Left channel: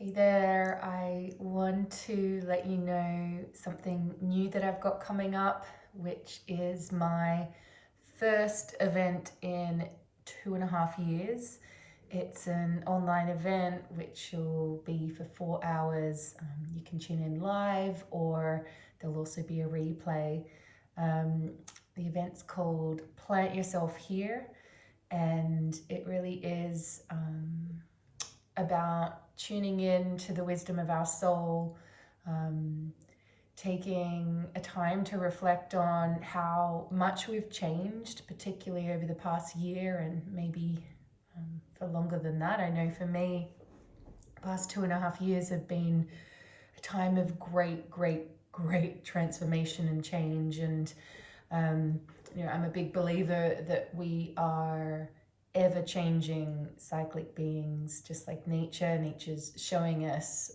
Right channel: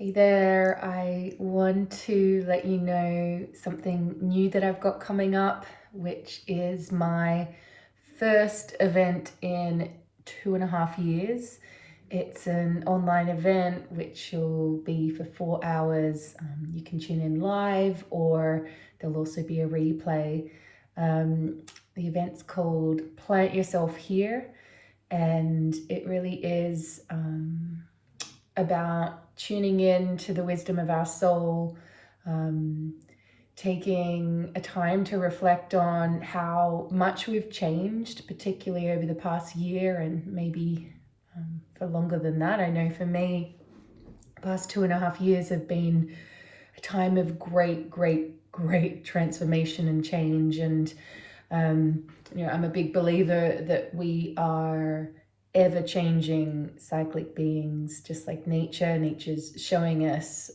Hey there, I want to let you know something new that I've got coming up, which is my first event in 2.5 years. It's an online event which will be for 4 hours. You can tune in live, or there'll also be a replay. The event's called Plant Yourself Here, and it really is about tuning in to the wisdom of our soul, um, taking a time to reflect on how much we've changed, particularly over the past year and maybe for longer than that. I know for me, the past 2.5 years have been a time of great transformation and change. And I'm a big believer that we are ever changing cyclic beings, just like nature. Nature's showing us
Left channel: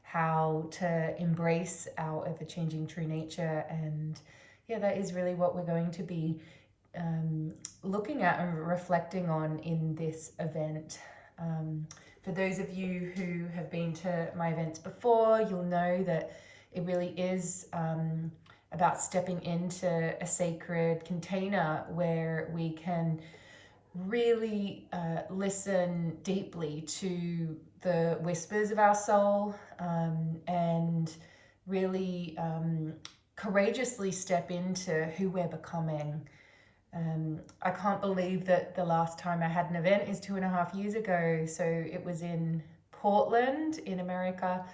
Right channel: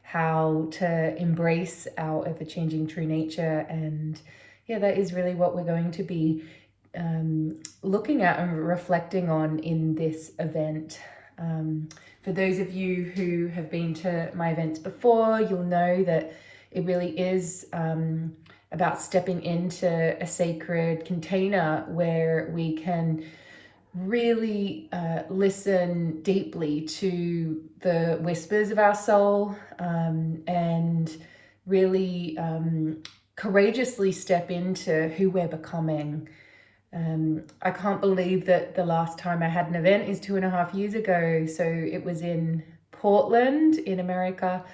how to embrace our ever changing true nature. And yeah, that is really what we're going to be looking at and reflecting on in this event. For those of you who have been to my events before, you'll know that it really is about stepping into a sacred container where we can really listen deeply to the whispers of our soul, and really courageously step into who we're becoming. I can't believe that the last time I had an event is 2.5 years ago. So it was in Portland in America.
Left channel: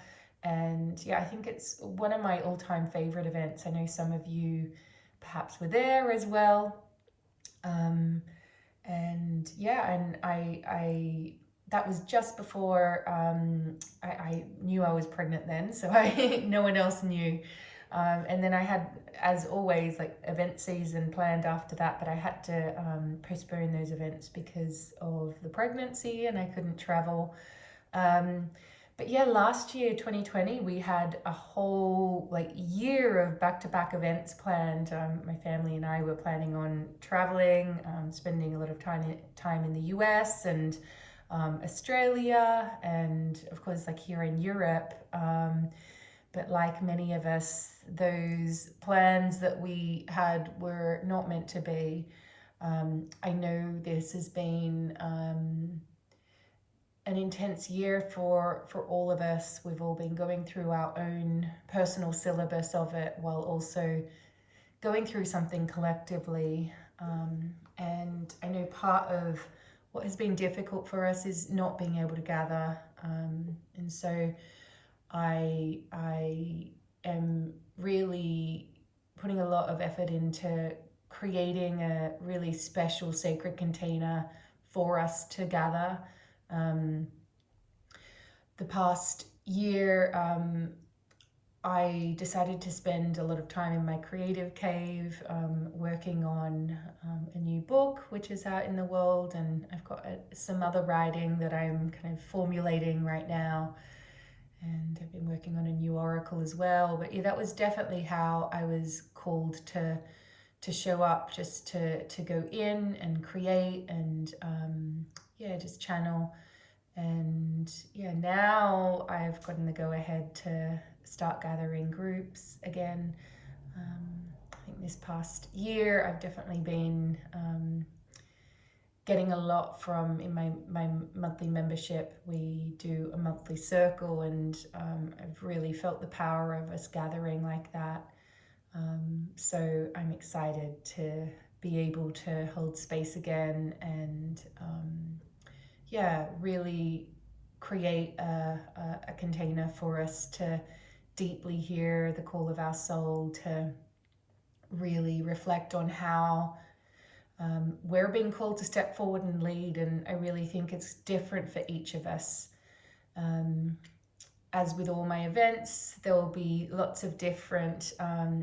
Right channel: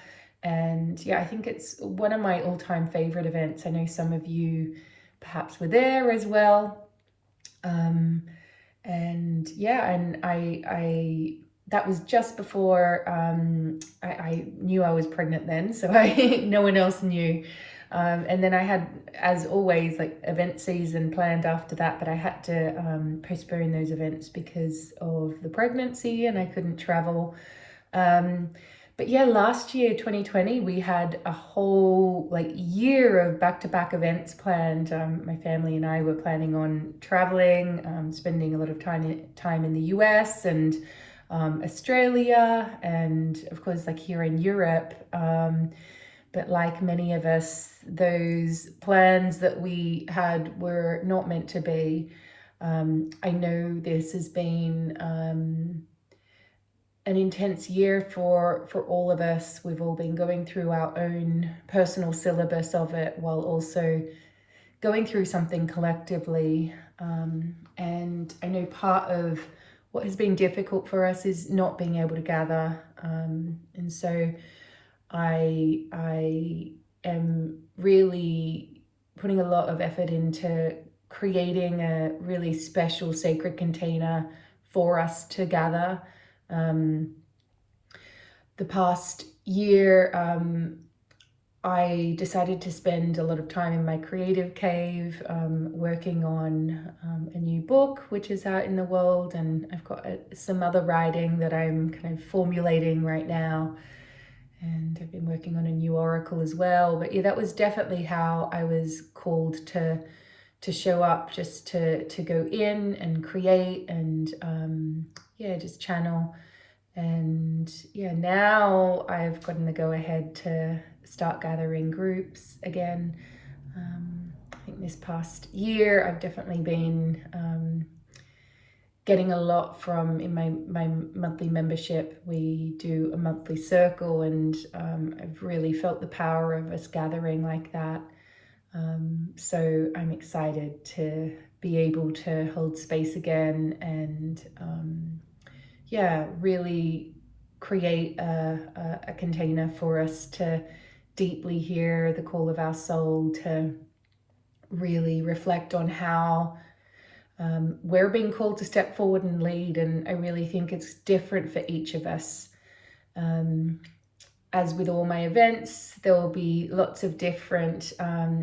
And yeah, I think it's one of my all-time favorite events. I know some of you perhaps were there as well. And yeah, and I that was just before I knew I was pregnant then, so no one else knew. And then I had, as always, like event season planned after that, but I had to postpone those events because of the pregnancy and I couldn't travel. But yeah, last year, 2020, we had a whole year of back-to-back events planned. My family and I were planning on traveling, spending a lot of time in the US and Australia, and of course, like here in Europe. But like many of us, those plans that we had were not meant to be. I know this has been an intense year for all of us. We've all been going through our own personal syllabus of it, while also going through something collectively. And I know part of what has been difficult for us is not being able to gather. And so I am really putting a lot of effort into creating a really special sacred container for us to gather. The past year, I decided to spend a lot of time in my creative cave, working on a new book, which is out in the world, and I've got some other writing that I'm kind of formulating right now. And I've been working on a new oracle as well. But yeah, that was definitely how I was called to show up, just to go in and create and just channel. And yeah, now I've gotten the go ahead to start gathering groups again. I think this past year I've definitely been getting a lot from, in my monthly membership. We do a monthly circle, and I've really felt the power of us gathering like that. So I'm excited to be able to hold space again and really create a container for us to deeply hear the call of our soul, to really reflect on how we're being called to step forward and lead. And I really think it's different for each of us. As with all my events, there will be lots of different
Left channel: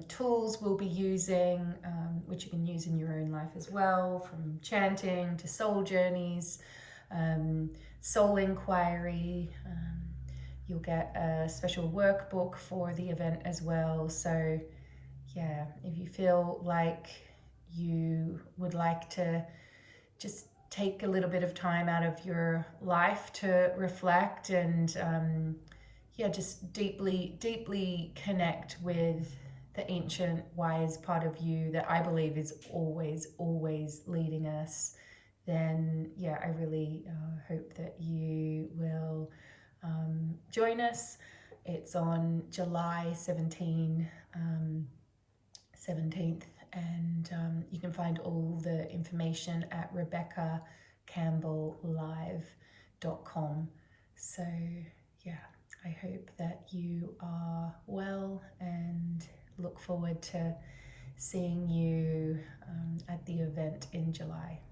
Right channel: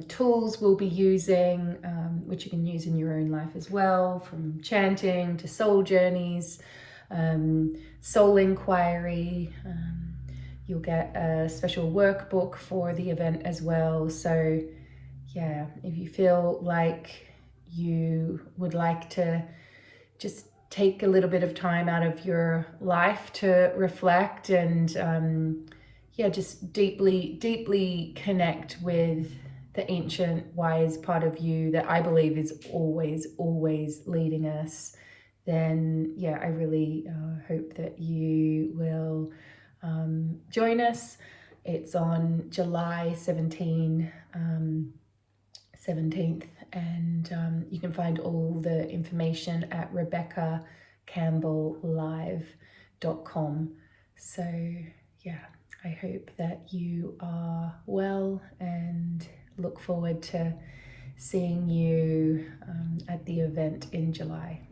tools we'll be using, which you can use in your own life as well, from chanting to soul journeys, soul inquiry. You'll get a special workbook for the event as well. So yeah, if you feel like you would like to just take a little bit of time out of your life to reflect and just deeply connect with the ancient wise part of you that I believe is always leading us, then I really hope that you will join us. It's on July 17th, and you can find all the information at rebeccacampbelllive.com. So I hope that you are well and look forward to seeing you at the event in July.